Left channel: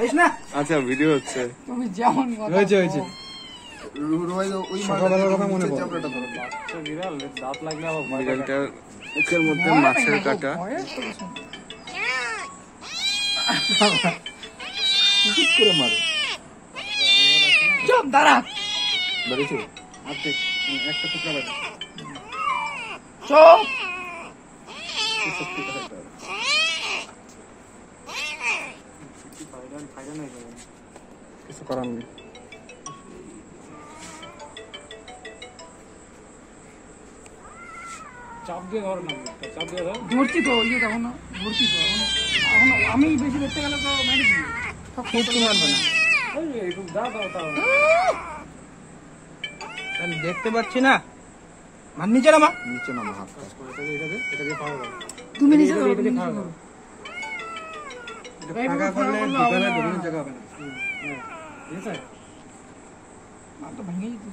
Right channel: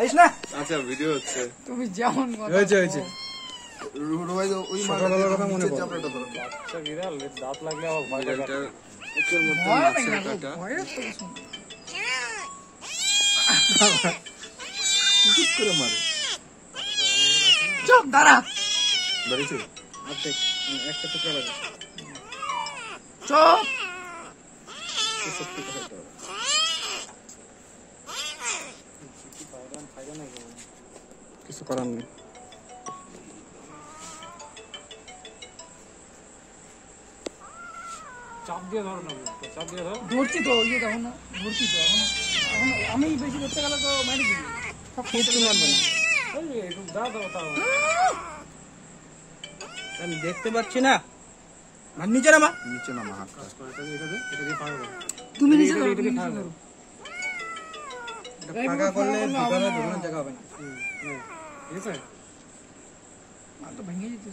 খাইস না? আচ্ছা ভিডিও হচ্ছে। তুমি যেমন হয়েছে হয়েছে। সকালবেলার কথা মনে পড়ে। বাচ্চা বিড়াল দাঁত লাগলে আবার ভয় লাগে। বিড়ালটার মুখের মধ্যে মাছের কাঁটা। কি করে মারে? চুপ দাঁড়া। বেরিয়েছে? আচ্ছা, একটা টুকরা বাজে। চুপ। কিছু করার নেই। চাপ দিয়ে ধর না, চাপ দিয়ে ধর। ধরছি তো ইয়ে দেখো না, ধরছি তো এখন আমি বেশি ধরতে গেলে তো মেরে দিবি। খুব তো মারবে না। একটু যা দাও তাও। আমি দেখতে পাচ্ছি না। মার নিচে নামা। নিচে নামা। এটা দিয়ে ফাঁকা কর। তুমি নিচে করো, এটা দিয়ে ফাঁকা কর। ফাঁকা করলে বিকালে বেরোনো জায়গা হবে না। ঠিক আছে? তো ভেঙে যেতে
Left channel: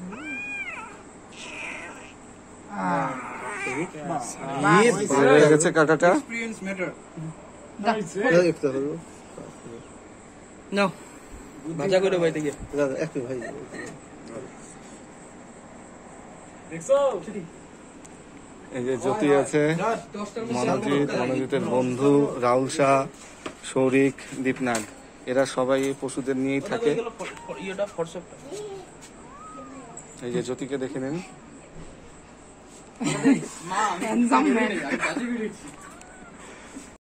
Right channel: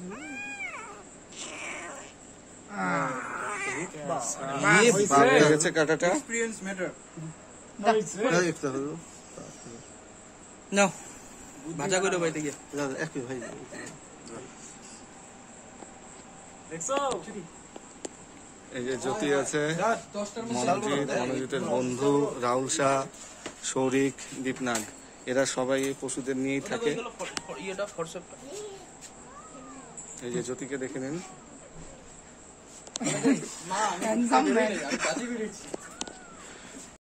হয়ে গেছে কাঁটাটা। Experience matter. নাও ভাজা করে বাইতে গিয়ে একটু ভাই দেখছো? এই যে জ্যোতি আছে, মনোজিতের বন্ধু রাহুল শাহ, শৌরিক, দীপনাথ, এরা সবাই পশুদের নিয়েই থাকে। এই যে জ্যোতিকে দেখে নিন। Handsome man.